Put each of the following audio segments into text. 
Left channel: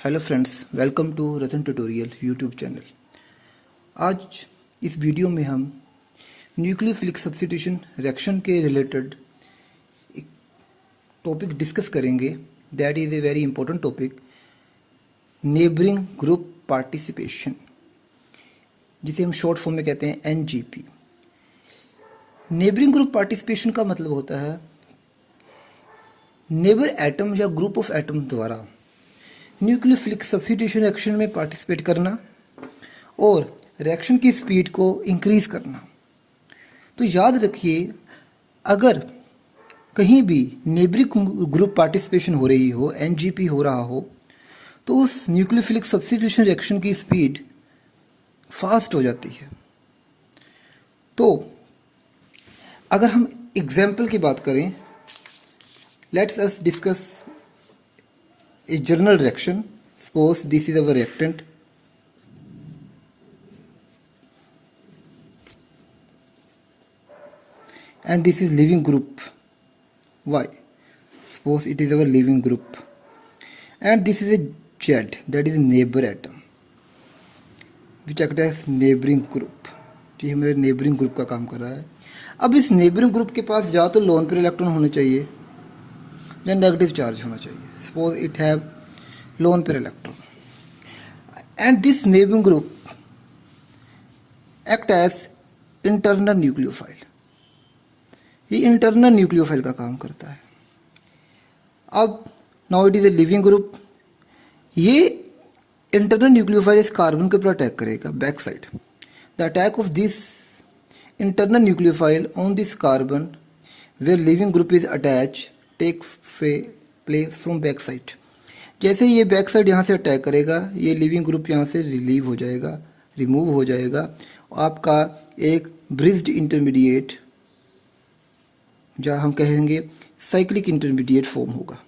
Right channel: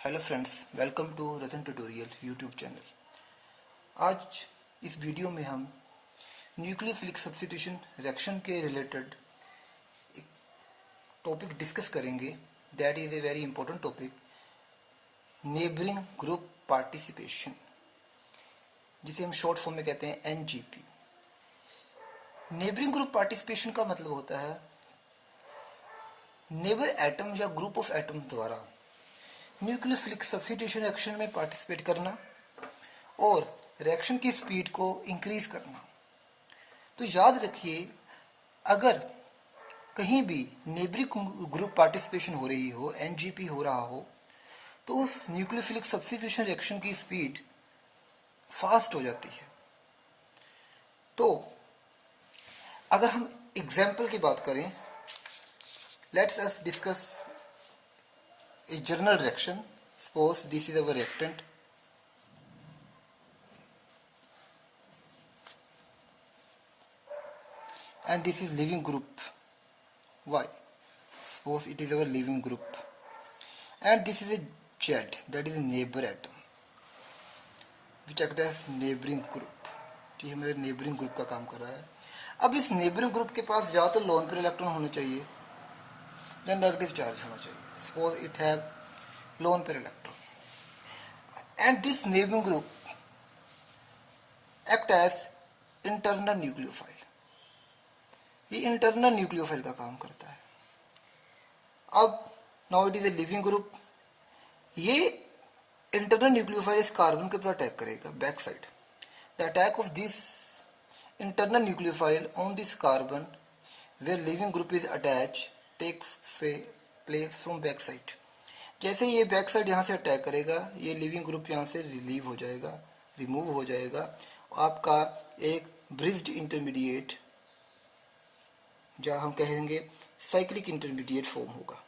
Hello friends, welcome to Ratan tutorial YouTube channel. आज इस video में हम न्यूक्लियोफिलिक सब्स्टिट्यूशन रिएक्शन के रिलेटेड एक टॉपिक डिस्कस करेंगे। That is a very important topic, neighbouring group participation, जिसे हम शॉर्ट फॉर्म में कहते हैं एनजीपी। नेबरिंग ग्रुप पार्टिसिपेशन का मतलब होता है नेबर एटम या ग्रुप ऑफ एटम द्वारा न्यूक्लियोफिलिक सब्स्टिट्यूशन रिएक्शन में पार्टिसिपेट करना और रिएक्शन की स्पीड को इंक्रीज करना। तो याद रखिए, अगर कहीं भी नेबरिंग ग्रुप पार्टिसिपेशन हो रही हो, एनजीपी हो रहा हो, तो उस न्यूक्लियोफिलिक सब्स्टिट्यूशन रिएक्शन की स्पीड फास्ट हो जाती है। तो अगर हम एग्जाम्पल की बात करें, let's us discuss a general reaction. Suppose this is our reactant and this is leaving group Y. Suppose it is our leaving group and this is a Z, that is a neighbor atom which act as neighboring group। ये हमारे neighboring group का काम कर रहा है। अब इस neighboring group के पास या तो लोन पेयर इलेक्ट्रॉन होने चाहिए या नेगेटिव चार्ज होना चाहिए। Suppose it have lone pair electron and this neighboring group act as internal nucleophile। ये इंटरनल न्यूक्लियोफाइल का काम करता है। अब now it is a leaving group. ये इंटरनल न्यूक्लियोफाइल इस कार्बन के ऊपर अटैक करेगा back side. The attack of this internal nucleophile on this carbon where leaving group is attach take place from back side. जैसे ये back side यहाँ से attack करेगा, ये लिविंग ग्रुप यहाँ से रिलीव हो जाएगा, रिमूव हो जाएगा। आपका एक ब्रिज्ड इंटरमीडिएट, जहाँ हम कहेंगे साइक्लिक इंटरमीडिएट फॉर्म होगा।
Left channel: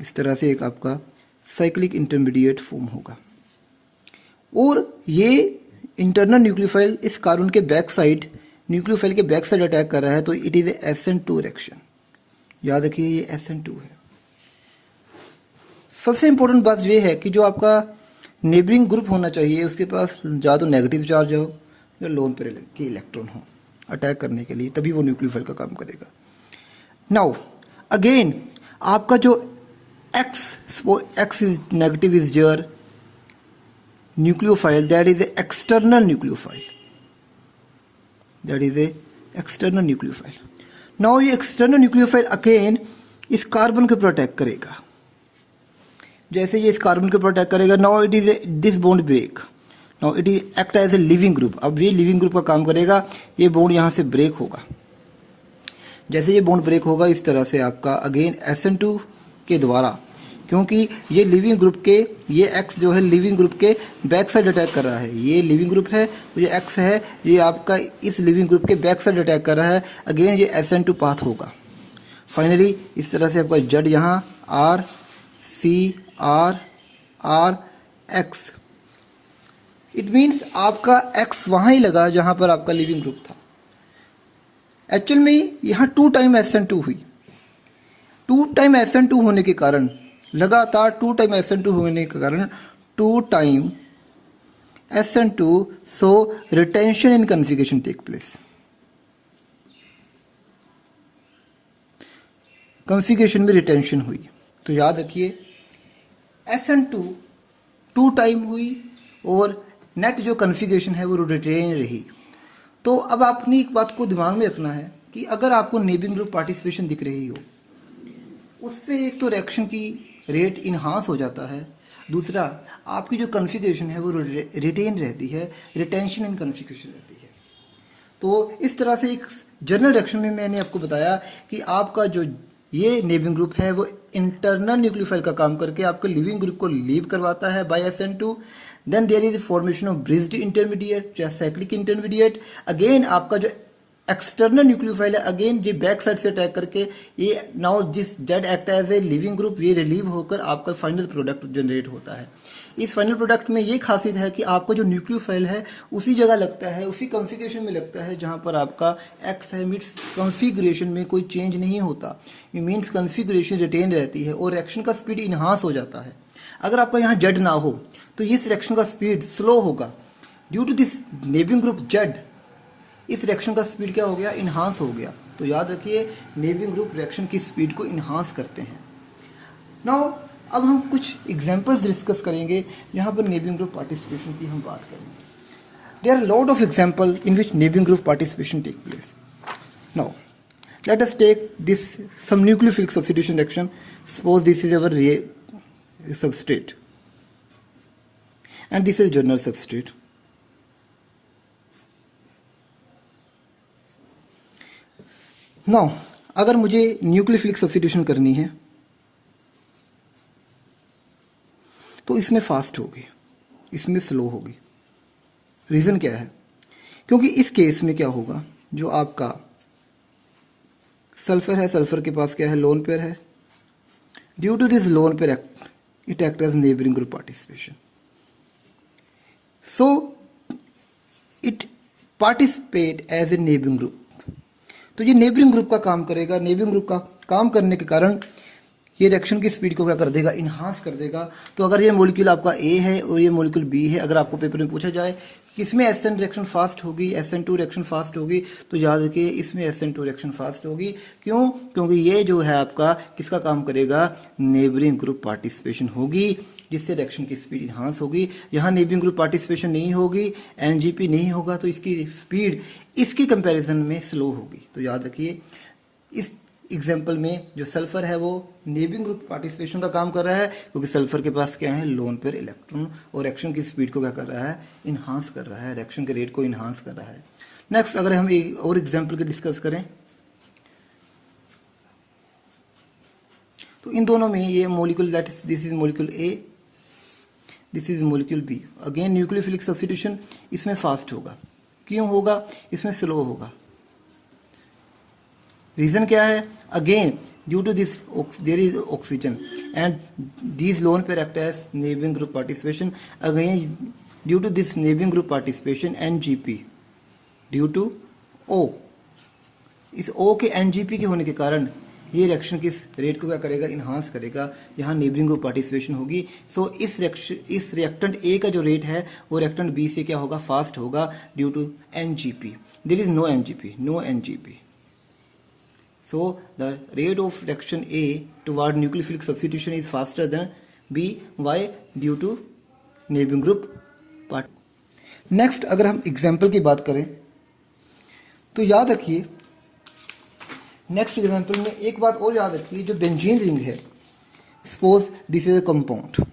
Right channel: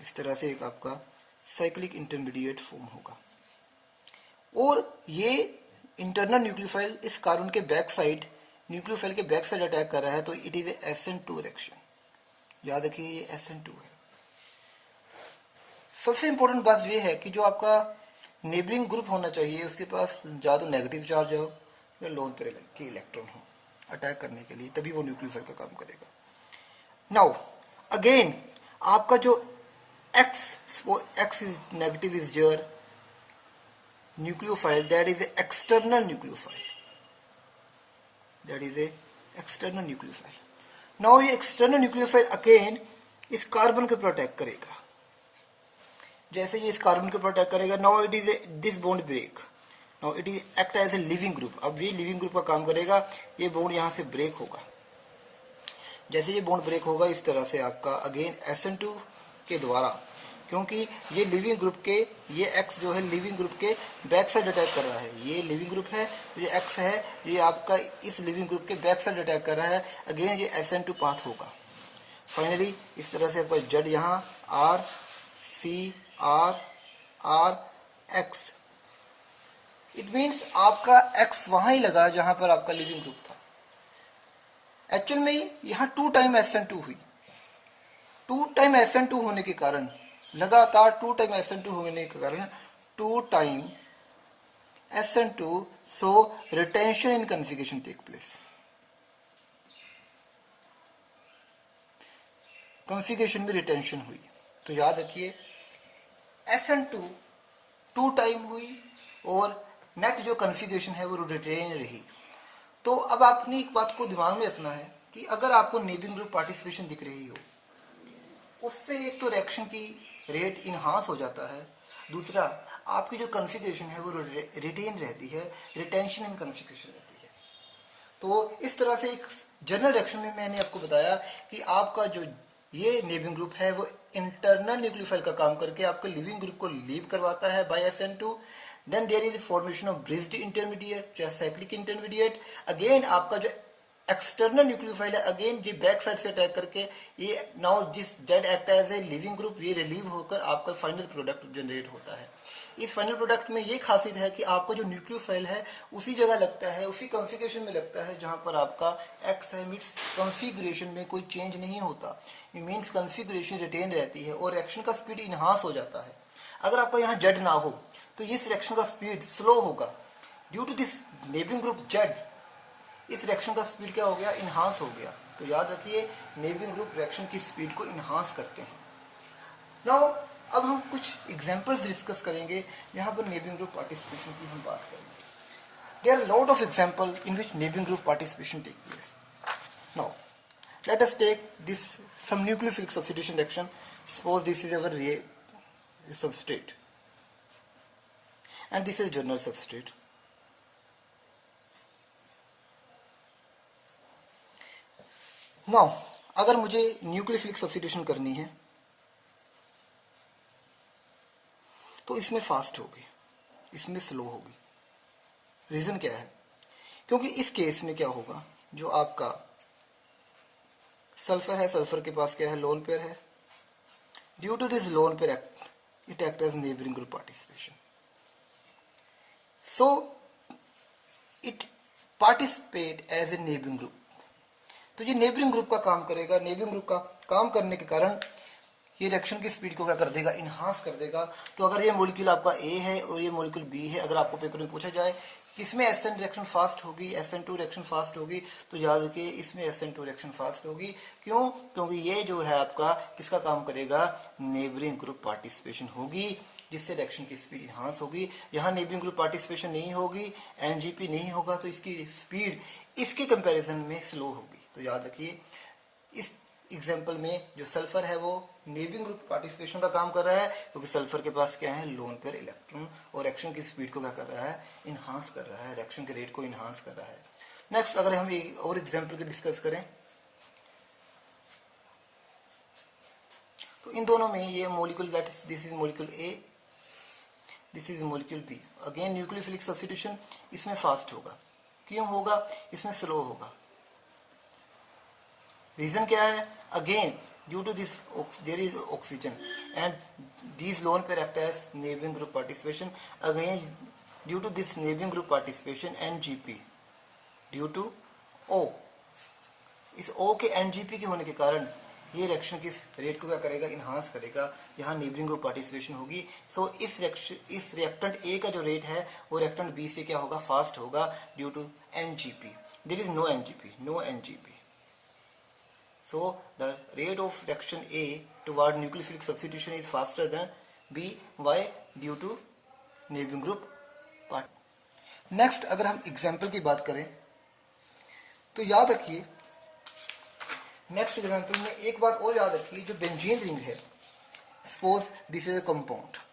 इस तरह से एक आपका साइक्लिक इंटरमीडिएट फॉर्म होगा। और ये इंटरनल न्यूक्लियोफाइल इस कार्बन के बैक साइड, न्यूक्लियोफाइल के बैक साइड अटैक कर रहा है, तो it is A SN2 reaction. याद रखिए, ये SN2 है। सबसे इंपॉर्टेंट बात यह है कि जो आपका नेबरिंग ग्रुप होना चाहिए, उसके पास या तो नेगेटिव चार्ज हो या लोन पेयर के इलेक्ट्रॉन हो अटैक करने के लिए, तभी वो न्यूक्लियोफाइल का काम करेगा। नाउ अगेन आपका जो x is negative is your nucleophile, that is a external nucleophile, that is a external nucleophile. Now ये एक्सटर्नल न्यूक्लियोफाइल अगेन इस कार्बन के ऊपर अटैक करेगा। जैसे ये इस कार्बन के ऊपर अटैक करेगा, now it is this bond break, now it is act as a leaving group. अब ये लिविंग ग्रुप का काम करेगा, ये बॉन्ड यहाँ से ब्रेक होगा। जैसे ये बॉन्ड ब्रेक होगा, इस तरह से आपका अगेन SN2 के द्वारा, क्योंकि ये लिविंग ग्रुप के, ये X जो है लिविंग ग्रुप के बैक साइड अटैक कर रहा है। ये लिविंग ग्रुप है, ये X है, ये आपका इस लिविंग ग्रुप के बैक साइड अटैक कर रहा है। अगेन ये SN2 पाथ होगा। फाइनली इस तरह से आपका Z यहाँ R C R R X, it means आपका X वहां ही लगा जहां पर आपका लिविंग ग्रुप था। एक्चुअल में यहां 2 टाइम SN2 हुई। 2 टाइम SN2 होने के कारण, लगातार 2 टाइम SN2 होने के कारण 2 टाइम SN2, सो रिटेंशन इन कन्फिगरेशन टेक प्लेस। कन्फिगरेशन में रिटेंशन हुई। तो याद रखिए, SN2 2 टाइम हुई और नेट जो कन्फिगरेशन है वो रिटेन रही। तो अब आपने एक बात को दिमाग में रखना है कि अगर आपको नेबरिंग ग्रुप पार्टिसिपेशन दिख रही हो, उससे एक तो रिएक्शन की रेट इन्हांस हो जाता है, दूसरा आपकी जो कन्फिगरेशन है वो रिटेन रहती है, रिटेंशन इन कन्फिगरेशन रहती है। तो इस तरह से एक जनरल रिएक्शन में मैंने आपको बताया कि आपका जो ये नेबरिंग ग्रुप है वो इंटरनल न्यूक्लियोफाइल का काम करके आपके लिविंग ग्रुप को लीव करवाता है by SN2। Then there is formation of bridged intermediate या साइक्लिक इंटरमीडिएट। अगेन आपका जो एक्सटर्नल न्यूक्लियोफाइल है, अगेन ये बैक साइड से अटैक करके ये now this Z act as a leaving group, ये रिलीव होकर आपका फाइनल प्रोडक्ट जनरेट होता है। इस फाइनल प्रोडक्ट में ये खासियत है कि आपका जो न्यूक्लियोफाइल है उसी जगह लगता है, उसी कॉन्फ़िगरेशन में लगता है जहां पर आपका एक्स है, मीन्स कॉन्फ़िगरेशन में कोई चेंज नहीं होता, ये मीन्स कॉन्फ़िगरेशन रिटेन रहती है और रिएक्शन का स्पीड इन्हांस हो जाता है। अगर आपका यहाँ जेड ना हो तो इस रिएक्शन का स्पीड स्लो होगा, due to this neighbouring group Z इस रिएक्शन का स्पीड क्या हो गया, इन्हांस हो गया। तो याद रखिए नेबिंग ग्रुप रिएक्शन की स्पीड को इन्हांस करते हैं। नाउ अब हम कुछ एग्जांपल्स डिस्कस करेंगे जहां पर नेबिंग ग्रुप पार्टिसिपेशन की हम बात करेंगे। There are lot of example in which neighbouring group participation take place. Now let us take this sum nucleophilic substitution reaction. Suppose this is our substrate and this is general substrate. Now अगर मुझे nucleophilic substitution करनी है तो इसमें fast होगी, इसमें slow होगी। Reason क्या है? क्योंकि इस केस में क्या होगा, जो आपका सल्फर है, सल्फर के पास क्या है, लोन पेयर है। Due to this lone pair it act as neighbouring group participation, so it participate as a neighboring group। तो ये नेबरिंग ग्रुप का काम करेगा। नेबरिंग ग्रुप का काम करने के कारण ये रिएक्शन की स्पीड को क्या कर देगा, इन्हांस कर देगा। तो अगर ये मॉलिक्यूल आपका ए है और ये मॉलिक्यूल बी है, अगर आपको पेपर में पूछा जाए किसमें SN रिएक्शन फास्ट होगी, SN2 रिएक्शन फास्ट होगी, तो याद रखिए इसमें SN2 रिएक्शन फास्ट होगी। क्यों? क्योंकि ये जो है आपका किसका काम करेगा, नेबरिंग ग्रुप पार्टिसिपेशन होगी, जिससे रिएक्शन की स्पीड इन्हांस होगी। यहाँ नेबरिंग ग्रुप पार्टिसिपेशन नहीं होगी, NGP नहीं होगा, तो इसकी स्पीड इसके कंपैरिजन में स्लो होगी। तो याद रखिए इस एग्जाम्पल में जो सल्फर है वो नेबरिंग ग्रुप पार्टिसिपेशन का काम कर रहा है, क्योंकि सल्फर के पास क्या है, लोन पेयर इलेक्ट्रॉन, और रिएक्शन की स्पीड को क्या कर रहा है, इन्हांस कर रहा है, रिएक्शन के रेट को इन्हांस कर रहा है। नेक्स्ट अगर हम एक और एग्जाम्पल के डिस्कस करें तो इन दोनों में ये molecule that is this is molecule A, this is molecule B. Again nucleophilic substitution इसमें फास्ट होगा। क्यों होगा, इसमें स्लो होगा। रीजन क्या है, again due to this there is oxygen and these lone pair act as neighboring group participation, again due to this neighboring group participation NGP due to O, इस O के NGP के होने के कारण ये रिएक्शन किस रेट को क्या करेगा, इन्हांस करेगा। यहाँ नेबरिंग ग्रुप पार्टिसिपेशन होगी। सो इस रिएक्टेंट ए का जो रेट है वो रिएक्टेंट बी से क्या होगा, फास्ट होगा, due to NGP। There is no NGP। So the rate of reaction A toward nucleophilic substitution is faster than B. Why? Due to neighboring group part. Next अगर हम example की बात करें तो याद रखिए नेक्स्ट एग्जाम्पल में एक बात और याद रखिए, जो बेंजीन रिंग है, suppose this is a compound,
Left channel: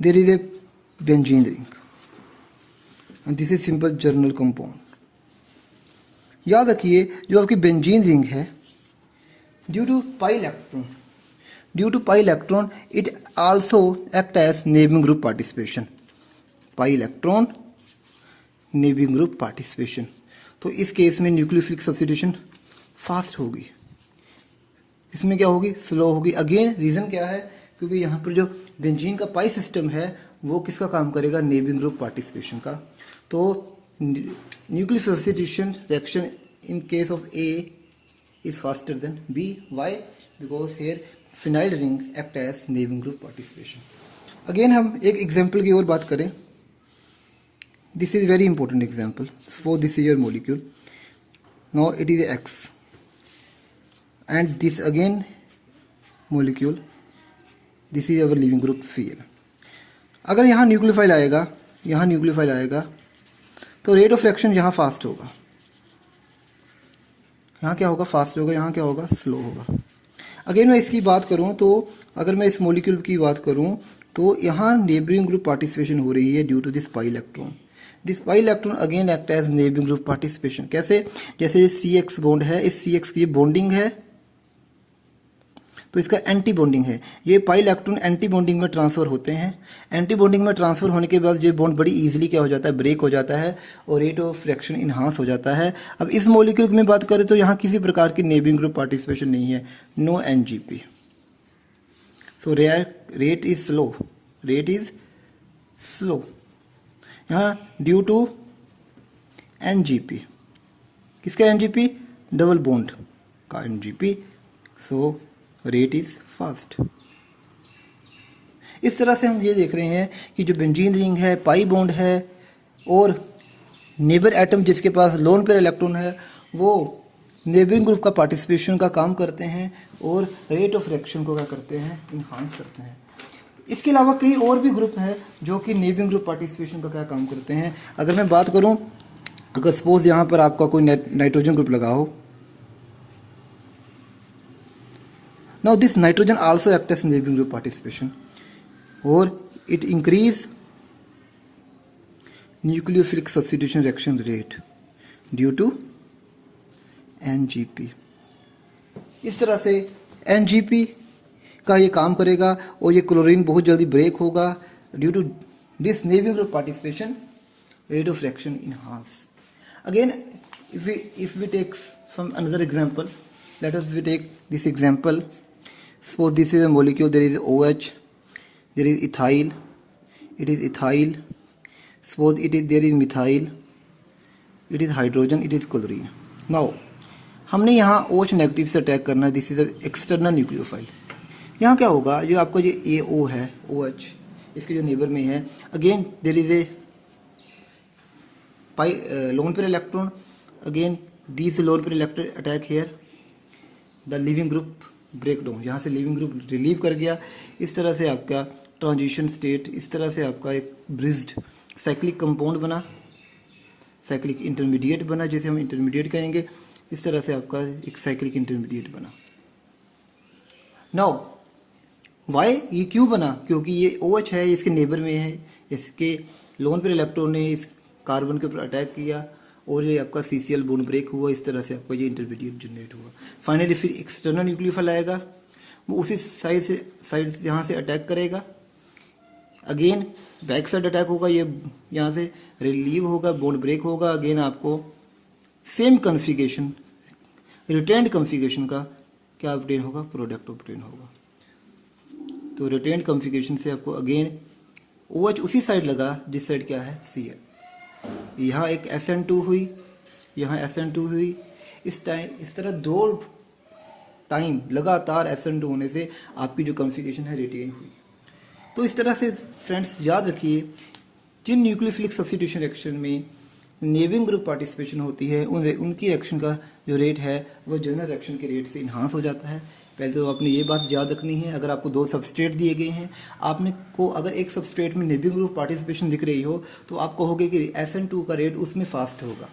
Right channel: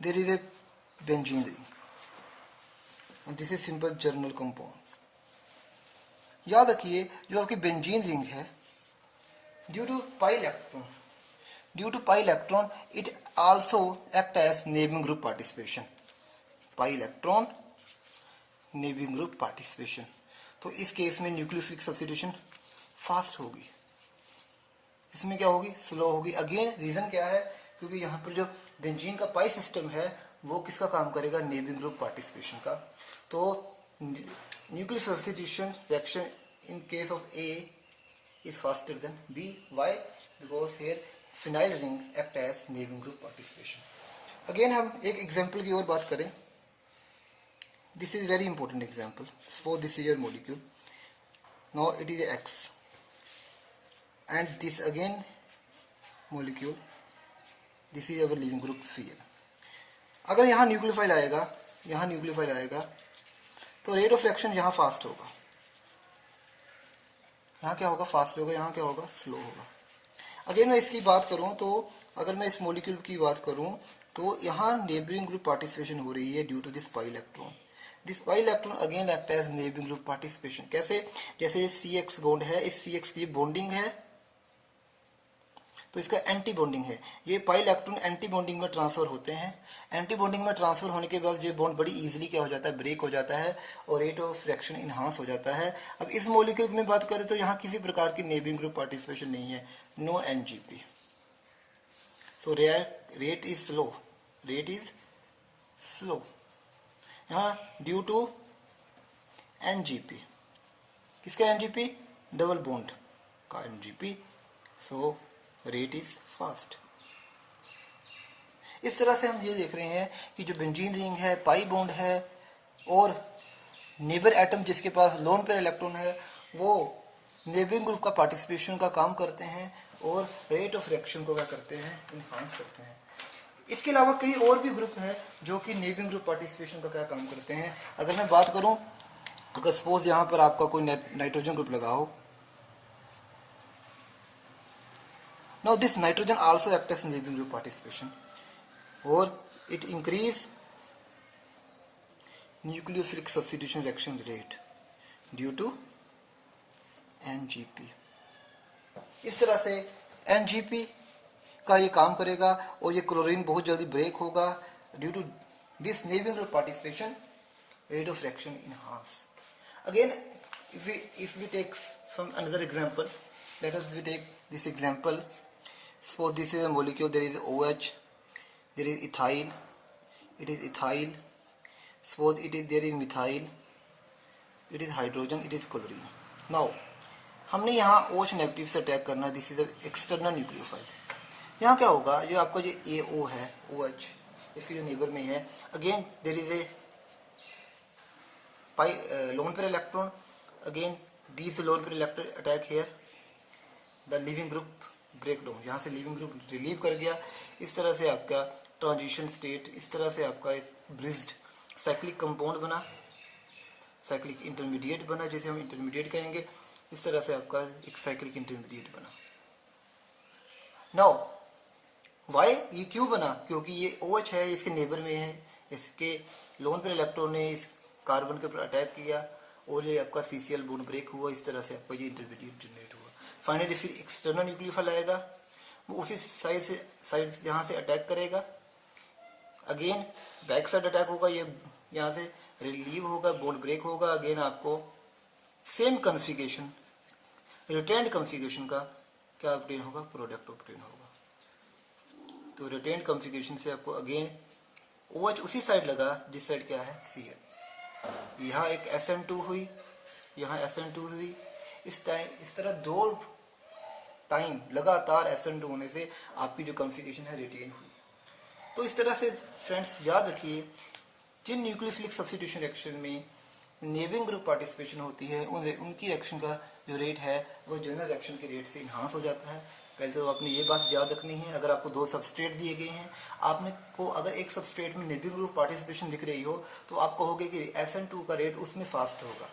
there is a benzene ring and this is simple general compound. याद रखिए जो आपकी बेंजीन रिंग है, due to pi electron it also act as neighbouring group participation. Pi electron neighbouring group participation. तो इस case में nucleophilic substitution fast होगी, इसमें क्या होगी, स्लो होगी। अगेन रीजन क्या है, क्योंकि यहाँ पर जो बेंजीन का पाई सिस्टम है वो किसका काम करेगा, नेबरिंग ग्रुप पार्टिसिपेशन का। तो nuclear substitution reaction in case of A is faster than B. Why? Because here phenyl ring act as neighboring group participation. Again हम एक example की और बात करें। This is very important example. Suppose this is your molecule. Now it is X and this again molecule. This is our living group Cl. अगर यहाँ nucleophile आएगा तो रेट ऑफ रिएक्शन यहाँ फास्ट होगा, यहाँ क्या होगा, फास्ट होगा, यहाँ क्या होगा, स्लो होगा। अगेन मैं इसकी बात करूँ तो अगर मैं इस मॉलिक्यूल की बात करूँ तो यहाँ नेबरिंग ग्रुप पार्टिसिपेशन हो रही है due to this pi electron. This pi electron again act as neighbouring group participation. कैसे, जैसे CX बॉन्ड है, इस CX की बॉन्डिंग है, तो इसका एंटी बॉन्डिंग है। ये पाई इलेक्ट्रॉन एंटी बॉन्डिंग में ट्रांसफर होते हैं। एंटी बॉन्डिंग में ट्रांसफर होने के बाद ये बॉन्ड बड़ी इजीली क्या हो जाता है, ब्रेक हो जाता है और रेट ऑफ रिएक्शन इन्हांस हो जाता है। अब इस मॉलिक्यूल में बात करें तो यहाँ किसी प्रकार की नेबरिंग ग्रुप पार्टिसिपेशन नहीं है, no NGP. So rate is slow, rate is slow यहाँ ड्यू टू एनजीपी। किसका एनजीपी, डबल बॉन्ड का NGP, so rate is fast. इस तरह से हम ये देख रहे हैं कि जो बेंजीन रिंग है, पाई बॉन्ड है और नेबर एटम जिसके पास लोन पेयर इलेक्ट्रॉन है, वो नेबरिंग ग्रुप का पार्टिसिपेशन का काम करते हैं और रेट ऑफ रिएक्शन को क्या करते हैं, इन्हांस करते हैं। इसके अलावा कई और भी ग्रुप हैं जो कि नेबरिंग ग्रुप पार्टिसिपेशन का क्या काम करते हैं। अगर मैं बात करूं, अगर सपोज यहां पर आपका कोई नाइट्रोजन ग्रुप लगा हो, now this nitrogen also act as neighbouring group participation और it increase nucleophilic substitution reaction rate due to NGP. इस तरह से एनजीपी का ये काम करेगा और ये क्लोरीन बहुत जल्दी ब्रेक होगा due to this neighbouring group participation, rate of reaction enhance. Again if we take from another example, let us we take this example. Suppose this is a molecule, there is OH, there is ethyl, it is ethyl. Suppose there is methyl, it is hydrogen, it is chlorine. Now हमने यहाँ OH negative से attack करना है, this is external nucleophile. यहाँ क्या होगा, जो आपका जो AO है, OH इसके जो नेबर में है, again there is a pi lone pair electron, again this lone pair electron attack here, the leaving group break down, यहाँ से लिविंग ग्रुप रिलीव कर गया। इस तरह से आपका ट्रांजिशन स्टेट, इस तरह से आपका एक ब्रिज्ड साइक्लिक कंपाउंड बना, साइक्लिक इंटरमीडिएट बना, जैसे हम इंटरमीडिएट कहेंगे, इस तरह से आपका एक साइक्लिक इंटरमीडिएट बना। नाउ वाई ये क्यों बना, क्योंकि ये OH है, इसके नेबर में है, इसके लोन पेयर इलेक्ट्रॉन ने इस कार्बन के ऊपर अटैक किया और ये आपका CCl बॉन्ड ब्रेक हुआ, इस तरह से आपका ये इंटरमीडिएट जनरेट हुआ। फाइनली फिर एक्सटर्नल न्यूक्लियोफाइल आएगा, वो उसी साइड यहाँ से अटैक करेगा, अगेन बैक साइड अटैक होगा, ये यहाँ से रिलीव होगा, बॉन्ड ब्रेक होगा, अगेन आपको सेम कन्फिगरेशन, रिटेन्ड कन्फिगरेशन का क्या ऑब्टेन होगा, प्रोडक्ट ऑब्टेन होगा। तो रिटेन्ड कन्फिगरेशन से आपको अगेन OH उसी साइड लगा जिस साइड क्या है Cl, यहाँ एक SN2 हुई, यहाँ SN2 हुई, इस तरह 2 टाइम लगातार SN2 होने से आपकी जो कन्फिगरेशन है रिटेन हुई। तो इस तरह से फ्रेंड्स याद रखिए, जिन न्यूक्लियोफिलिक सब्स्टिट्यूशन रिएक्शन में नेबरिंग ग्रुप पार्टिसिपेशन होती है, उनकी रिएक्शन का जो रेट है वो जनरल रिएक्शन के रेट से इन्हांस हो जाता है। पहले तो आपने ये बात याद रखनी है, अगर आपको 2 सबस्ट्रेट दिए गए हैं, आपने को अगर एक सबस्ट्रेट में नेबरिंग ग्रुप पार्टिसिपेशन दिख रही हो तो आप कहोगे कि SN2 का रेट उसमें फास्ट होगा।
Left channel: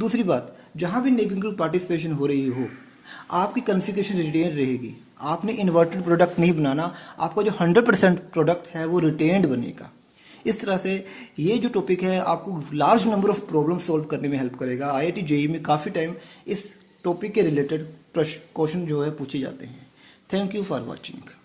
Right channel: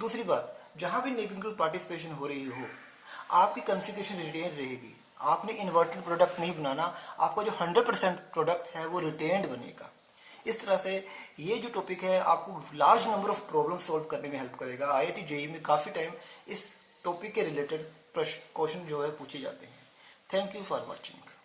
दूसरी बात, जहां भी नेबरिंग ग्रुप पार्टिसिपेशन हो रही हो, आपकी कॉन्फ़िगरेशन रिटेन रहेगी, आपने इन्वर्टेड प्रोडक्ट नहीं बनाना, आपका जो 100% प्रोडक्ट है वो रिटेन्ड बनेगा। इस तरह से ये जो टॉपिक है आपको large number of problem solve करने में हेल्प करेगा। IIT JEE में काफ़ी टाइम इस टॉपिक के रिलेटेड क्वेश्चन जो है पूछे जाते हैं। Thank you for watching.